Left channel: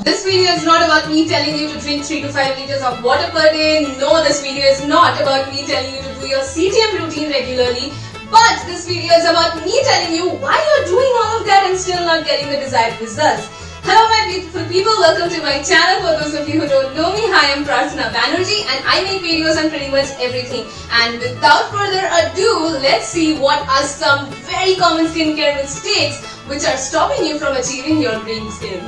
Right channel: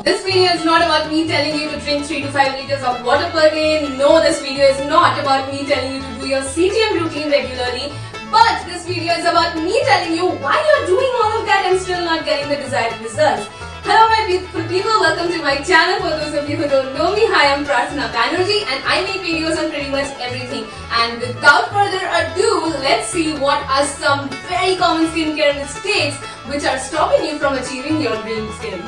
This video is not about me telling you to drink 3 to 5 liters of water per day. No, this video is not about me telling you to do your CTM routine regularly. But this video is about me telling you why you're doing all of that and still not getting the desired results. Hello my beautiful people, welcome to my channel. For those of you who don't know me, hi, I'm Prarthana Banerjee and I make videos on pretty much everything. And without further ado, let's see what are some very common skincare mistakes which are stopping you from achieving your dream skin.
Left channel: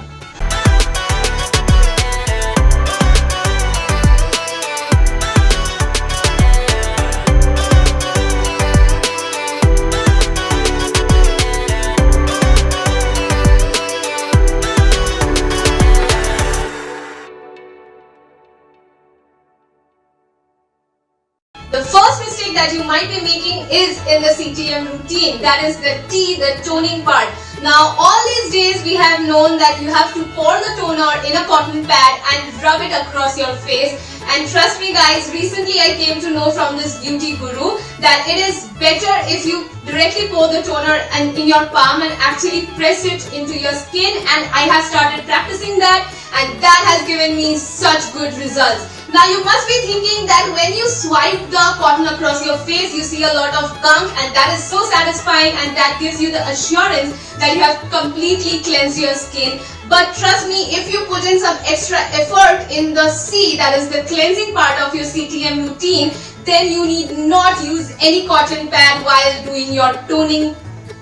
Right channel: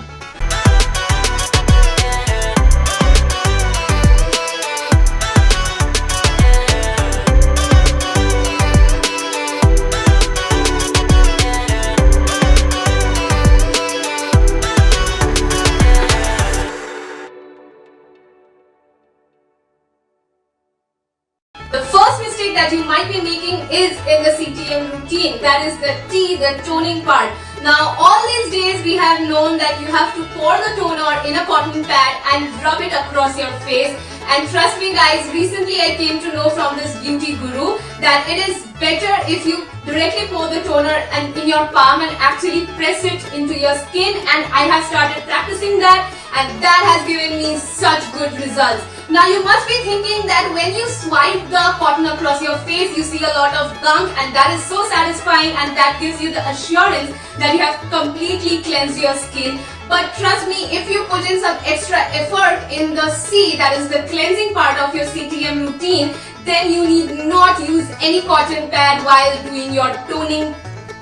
The first mistake that you might be making is in the CTM routine, that is the T, the toning part. Now all these days we have known that you have to pour the toner in a cotton pad and rub it across your face, and trust me guys, recently I came to know from this beauty guru that it is better if you directly pour the toner in your palm and actually press it into your skin, and I have started practicing that and that has given me such good results. Now you must be thinking that when you swipe the cotton across your face, you see a lot of gunk, and that is so satisfying and that gives you the assurance that you have completely cleansed your skin. But trust me, if you put in some extra effort in the C, that is the cleansing part of your CTM routine, then you need not use any cotton pad while doing your toning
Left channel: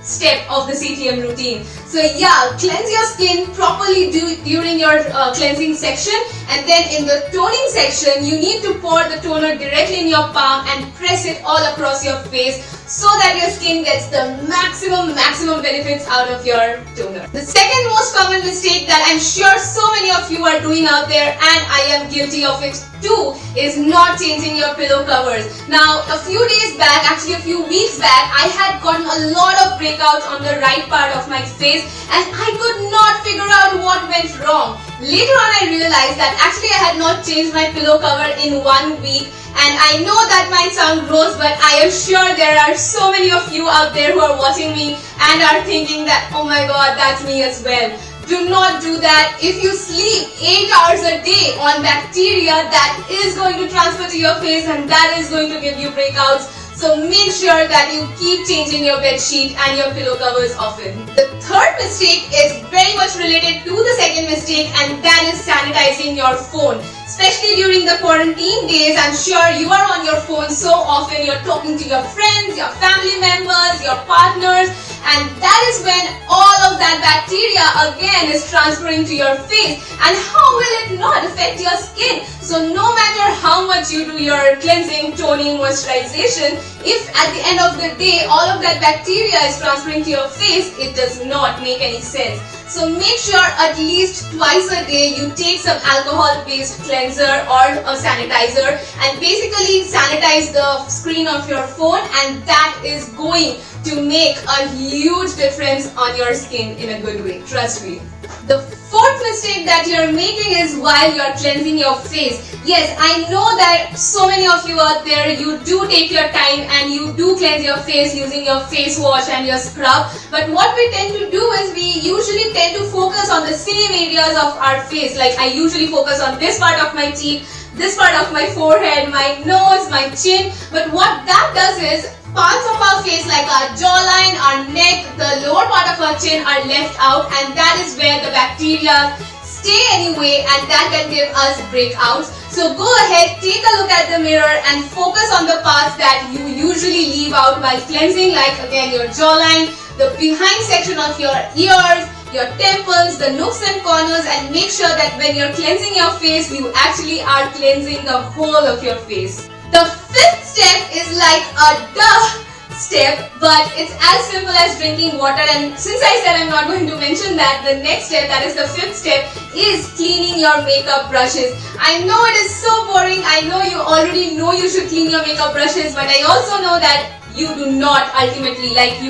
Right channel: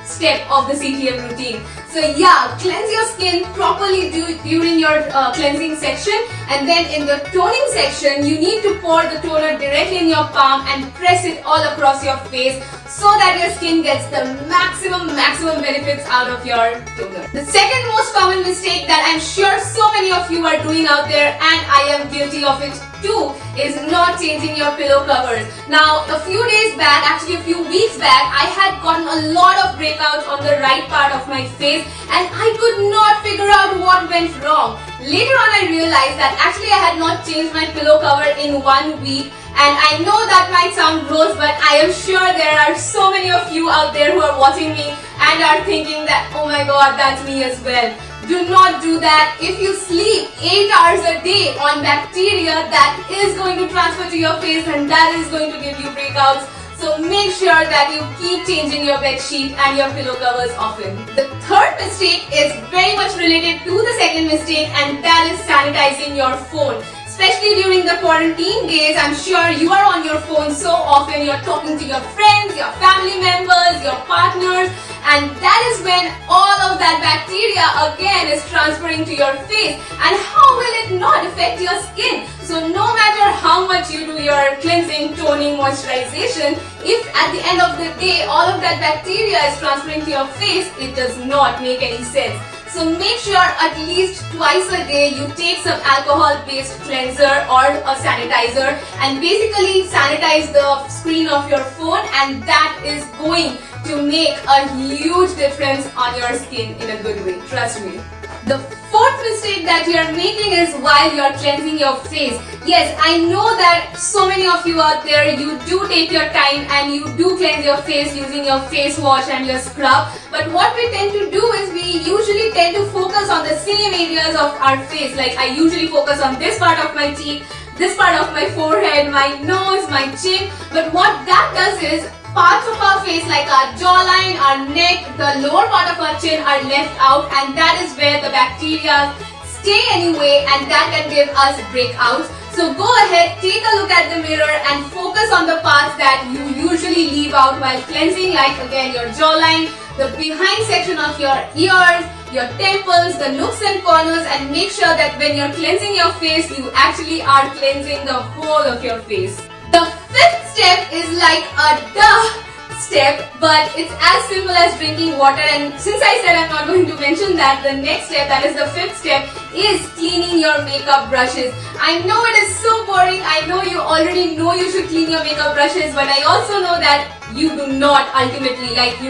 step of the CTM routine. So yeah, cleanse your skin properly during your cleansing section, and then in the toning section you need to pour the toner directly in your palm and press it all across your face so that your skin gets the maximum benefits out of your toner. The second most common mistake that I'm sure so many of you are doing out there, and I am guilty of it too, is not changing your pillow covers. Now a few days back, actually a few weeks back, I had gotten a lot of breakouts on the right part of my face and I could not figure out what went wrong. Later on I realized that actually I had not changed my pillow cover in 1 week, and I know that might sound gross, but I am sure there are so many of you out there who are watching me and are thinking that, oh my god, that's me as well. Do not do that. If you sleep 8 hours a day on bacteria, that is going to transfer to your face and that is going to give you breakouts. So make sure that you keep changing your bed sheet and your pillow covers often. The third mistake is very much related to the second mistake, and that is sanitizing your phone. Especially during the quarantine days, I'm sure you are on your phone so often, you're talking to your friends, your family members, your partners, and that is when all of that bacteria again is transferring to your face, and how will it not affect your skin? So no matter how much you do your cleansing, toning, moisturization, if at the end of the day all of that bacteria is transferring to your face, it does not make any sense. So make sure at least twice a day you take some alcohol-based cleanser or a sanitizer and basically sanitize the screen of your phone, and that is going to make a huge difference on your skin in a good way, trust me. The fourth mistake that you are making is while you are cleansing your face. Yes, I know that so many of you out there, you do take your time and you do cleanse your face using your face wash and your scrub. But what we tend to do is we usually tend to focus on the same areas of our face. Like I usually focus on this part of my cheek, this part of my forehead, my nose, my chin. But what that does is parts of our face like our jawline, our neck, the lower part of our chin are left out, and that is where the bacteria stay anyway, and that can give us breakouts. So go ahead, take a look at the mirror and focus on the parts that you usually leave out while cleansing, like again your jawline, the behind section of your ears, your temples, the nooks and corners, and make sure that when you're cleansing your face, you actually are cleansing the whole of your face. The fifth step is like a duh step, but it's as simple as drinking water, and since I said I'm not going to mention that, the next step, that is the fifth step, is cleaning your makeup brushes. I know it is so boring, I know you already know you should clean your makeup brushes, but I also know that you do not ultimately, like you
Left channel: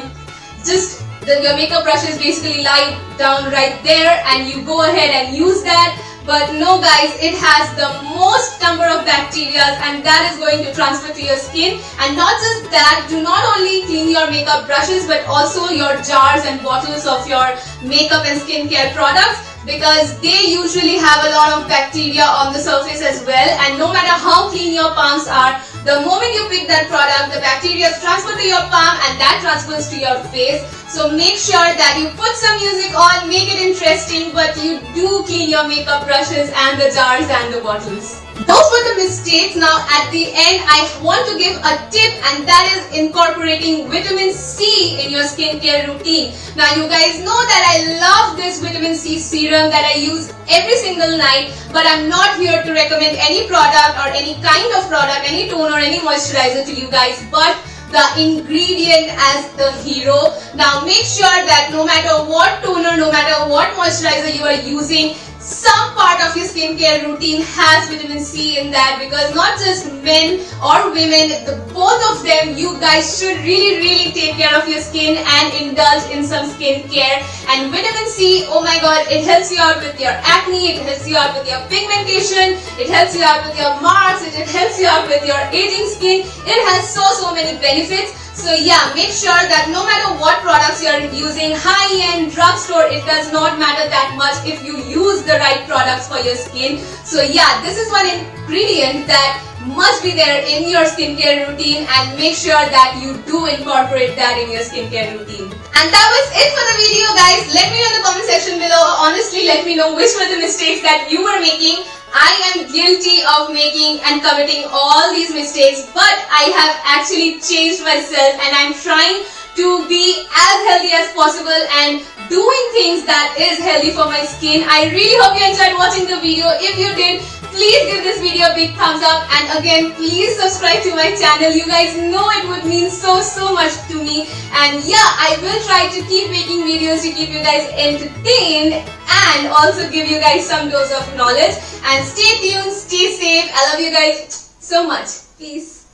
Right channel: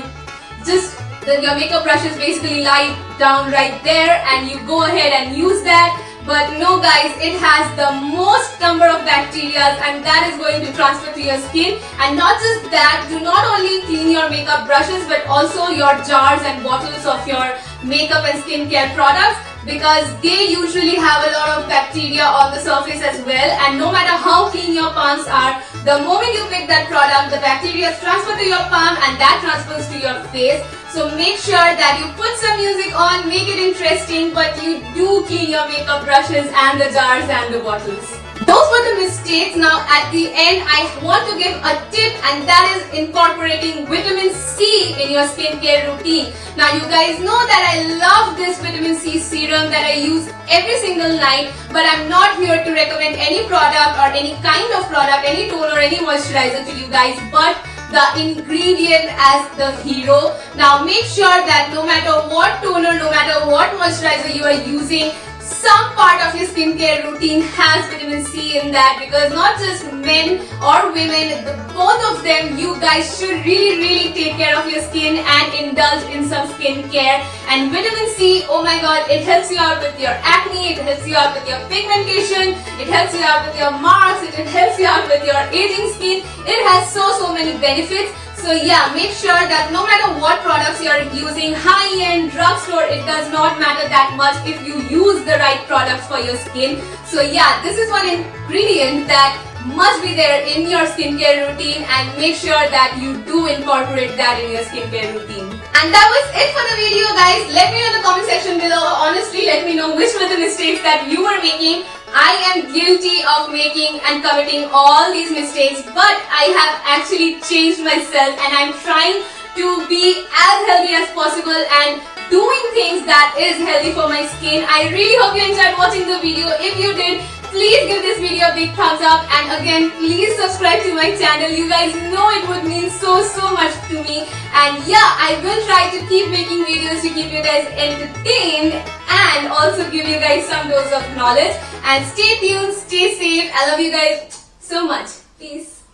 just, your makeup brushes basically lie down right there and you go ahead and use that. But no guys, it has the most number of bacteria and that is going to transfer to your skin. And not just that, do not only clean your makeup brushes but also your jars and bottles of your makeup and skincare products. because they usually have a lot of bacteria on the surface as well, and no matter how clean your palms are, the moment you pick that product, the bacteria is transferred to your palm and that transfers to your face. So make sure that you put some music on, make it interesting, but you do clean your makeup brushes and the jars and the bottles. Those were the mistakes. Now at the end, I want to give a tip, and that is incorporating vitamin C in your skincare routine. Now you guys know that I love this vitamin C serum that I use every single night, but I'm not here to recommend any product or any kind of product, any toner, any moisturizer to you guys, but the ingredient as the hero. Now make sure that no matter what toner, no matter what moisturizer you are using, some part of your skincare routine has vitamin C in that, because not just men or women, both of them, you guys should really take care of your skin and indulge in some skincare. And vitamin C, oh my god, it helps you out with your acne, it helps you out with your pigmentation, it helps you out with your marks, it helps you out with your aging skin. It has so many benefits. So yeah, make sure that no matter what products you are using, high-end, drugstore, it does not matter that much if you use the right products for your skin. So yeah, this is one ingredient that must be there in your skincare routine, and make sure that you do incorporate that in your skincare routine. And that was it for the video, guys. Let me know in the comment section below. Honestly, let me know which were the mistakes that you were making. I am guilty of making and committing all these mistakes, but I have actually changed myself, and I'm trying to be as healthy as possible and doing things that is healthy for my skin. I really hope you enjoyed watching the video. If you did, please give this video a big thumbs up, and again, please subscribe to my channel. You guys know it would mean so much to me. And yeah, I will try to keep making videos to keep you guys entertained and also give you guys some dose of knowledge. And stay tuned, stay safe. I love you guys so much. Peace.